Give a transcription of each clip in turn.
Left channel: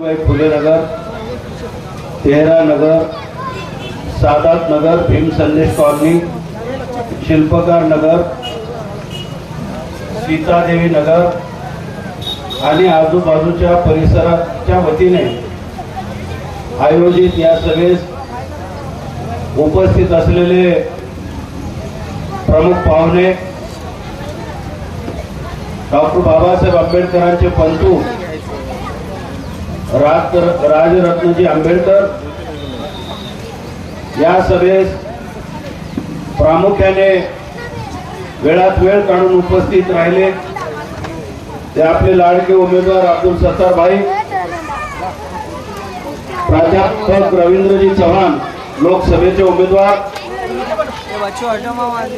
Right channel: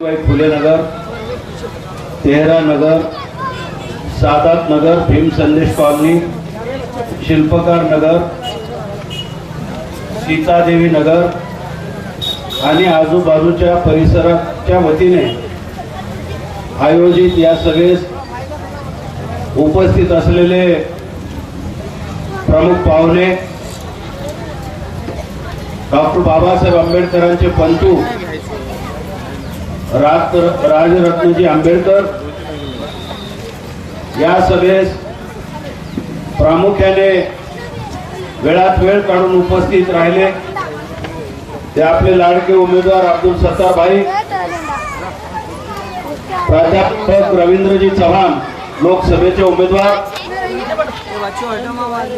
फुले नगर तेहरा नगर सादात नगर भीम संदेश कॉलनी शिल्पकार नगर सीतादेवी नगर आणि आजूबाजूच्या परिसराच्या वतीने आयोजित या सभेस उपस्थित असलेले प्रमुख पाहुणे डॉक्टर बाबासाहेब आंबेडकरांचे पंतू राज राजरत्नजी आंबेडकर या सभेस प्रामुख्याने वेळात वेळ काढून उपस्थित राहिले. ते आपले लाडके उमेदवार अब्दुल सत्तारभाई प्राध्यापक रवींद्रजी चव्हाण लोकसभेचे उमेदवार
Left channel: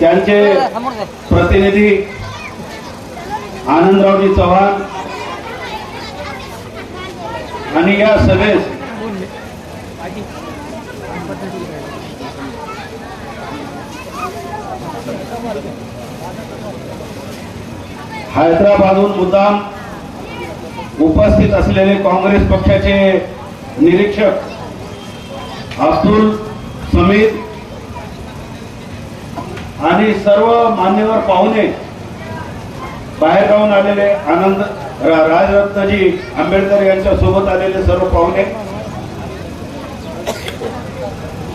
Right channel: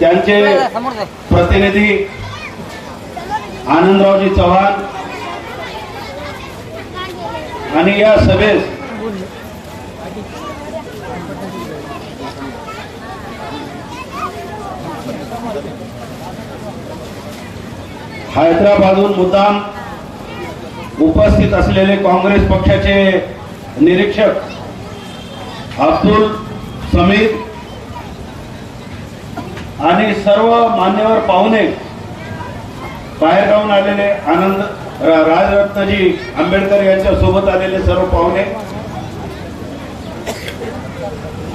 त्यांचे प्रतिनिधी आनंदरावजी चव्हाण आणि या सभेस हैदराबादहून मुद्दाम उपस्थित असलेले काँग्रेस पक्षाचे निरीक्षक अब्दुल समीर आणि सर्व मान्यवर पाहुणे बाहेर राहून आलेले आनंद राजरत्नजी आंबेडकर यांच्या सोबत आलेले सर्व पाहुणे.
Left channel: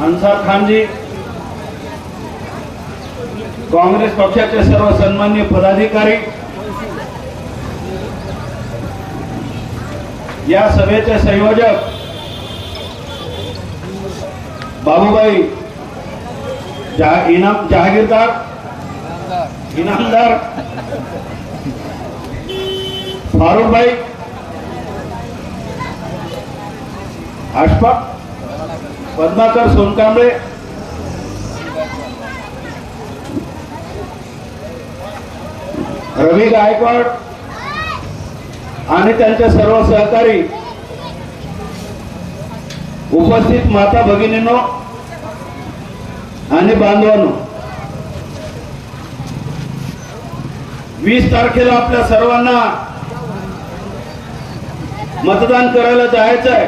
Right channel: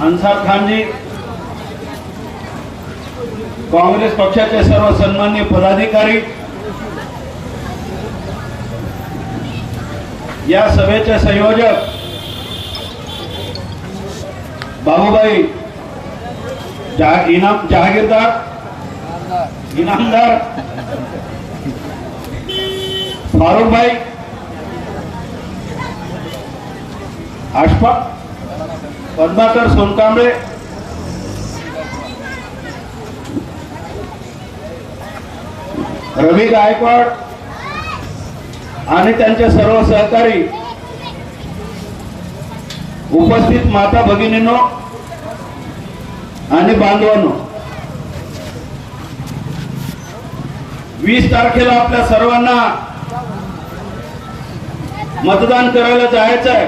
अन्सार खानजी काँग्रेस पक्षाचे सर्व सन्मान्य पदाधिकारी. या सभेचे संयोजक बाबूबाई जहा- इनाम जहागीरदार इनामदार फारुखभाई आशफा पद्माकर सोनकांबळे रवी गायकवाड आणि त्यांचे सर्व सहकारी उपस्थित माता भगिनींनो आणि बांधवांनो. वीस तारखेला आपल्या सर्वांना मतदान करायला जायचं आहे.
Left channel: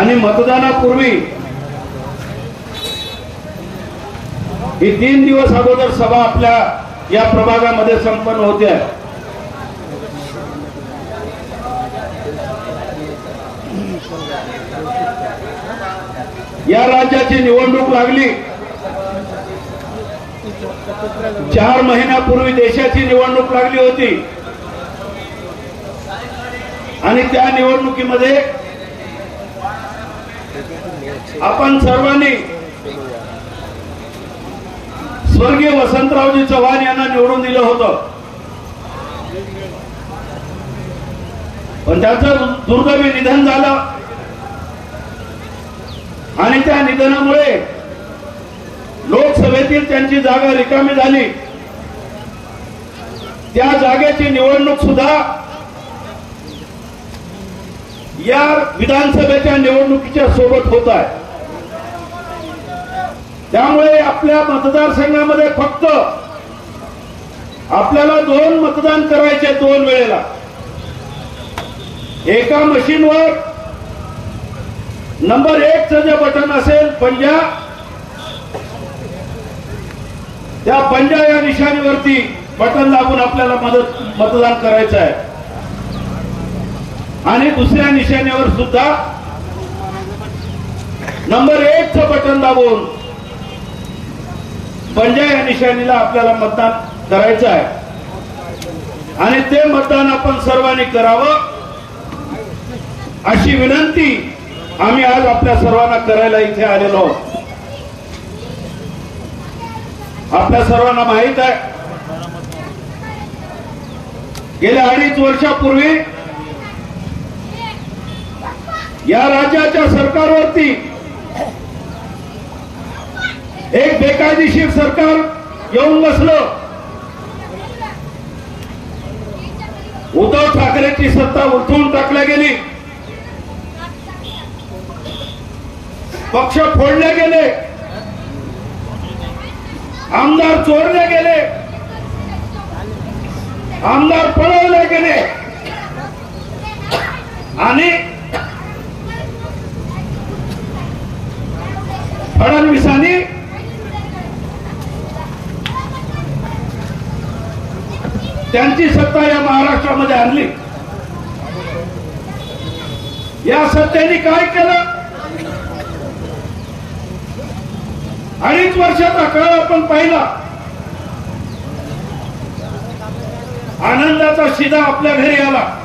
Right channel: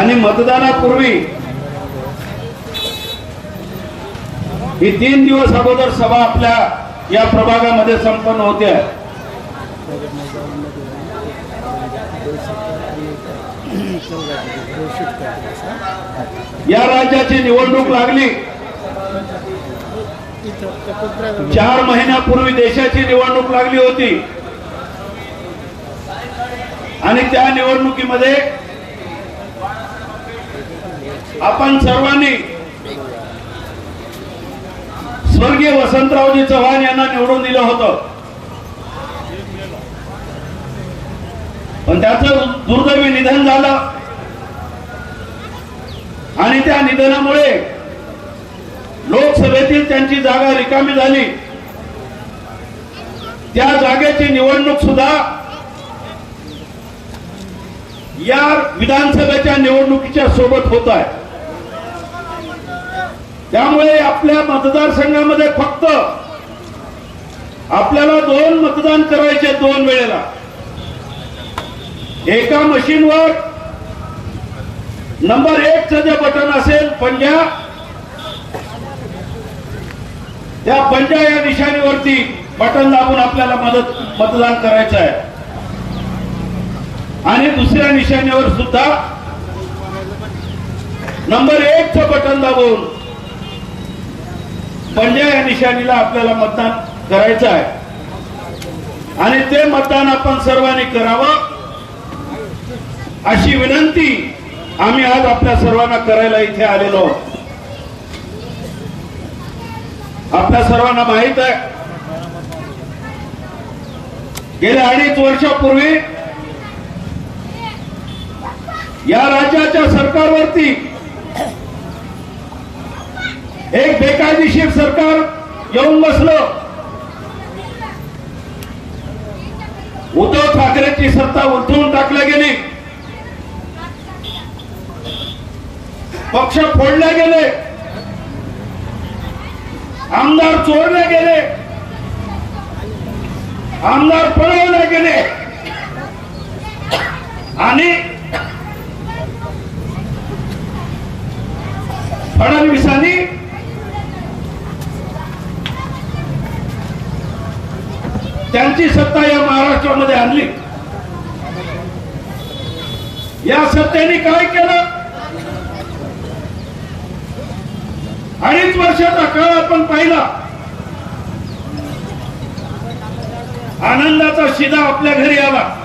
आणि मतदानापूर्वी ही तीन दिवस अगोदर सभा आपल्या या प्रभागामध्ये संपन्न होते. या राज्याची निवडणूक लागली. चार महिन्यापूर्वी देशाची निवडणूक लागली होती. आणि त्या निवडणुकीमध्ये आपण सर्वांनी स्वर्गीय वसंतरावजी चव्हाण यांना निवडून दिलं होतं. पण त्याचं दुर्दैवी निधन झालं. आणि त्या निधनामुळे लोकसभेतील त्यांची जागा रिकामी झाली. त्या जागेची निवडणूक सुद्धा या विधानसभेच्या निवडणुकीच्या सोबत होत आहे. त्यामुळे आपल्या मतदारसंघामध्ये फक्त आपल्याला दोन मतदान करायचे दोन वेळेला. एका मशीनवर नंबर एकचं जे बटन असेल पंजा त्या पंजा या निशाणीवरती बटन दाबून आपल्याला मदत मतदान करायचं आहे. आणि दुसऱ्या निशाण्यावर सुद्धा नंबर एकचं बटन दाबून पंजा या निशाणीला आपल्याला मतदान करायचं आहे. आणि ते मतदान आपण सर्वांनी करावं अशी विनंती आम्ही आज आपल्या सर्वांना करायला इथे आलेलो आहोत. आपल्या सर्वांना माहीत आहे. गेल्या अडीच वर्षापूर्वी या राज्याच्या सरकारवरती एक बेकायदेशीर सरकार येऊन बसलं. उद्धव ठाकरेची सत्ता उलथवून टाकल्या गेली. पक्ष फोडले गेले. आमदार चोरले गेले. आमदार पळवले गेले. आणि त्यांची सत्ता या महाराष्ट्रामध्ये आणली. या सत्तेने काय केलं? अडीच वर्षाचा काळ आपण पाहिला. आनंदाचा शिदा आपल्या घरी आला.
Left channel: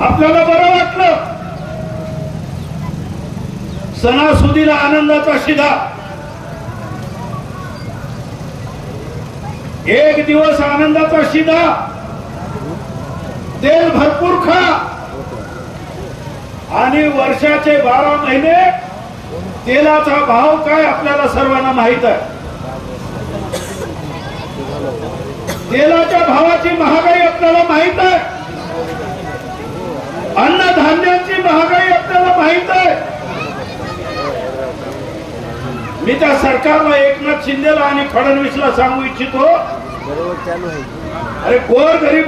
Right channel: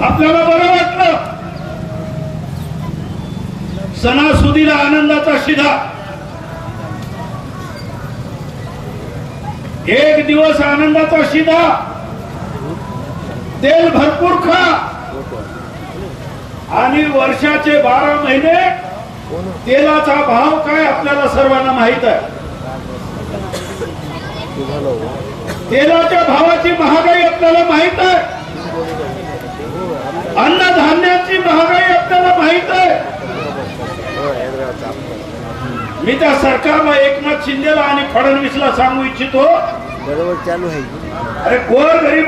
आपल्याला बरं वाटलं. सणासुदीला आनंदाचा शिदा. एक दिवस आनंदाचा शिदा. तेल भरपूर खा. आणि वर्षाचे बारा महिने तेलाचा भाव काय आपल्याला सर्वांना माहीत आहे? तेलाच्या भावाची महागाई आपल्याला माहीत आहे. अन्नधान्याची महागाई आपल्याला माहीत आहे. मी त्या सरकारला एकनाथ शिंदेला आणि फडणवीसला सांगू इच्छितो. बरोबर चालू आहे. अरे गोर गरीब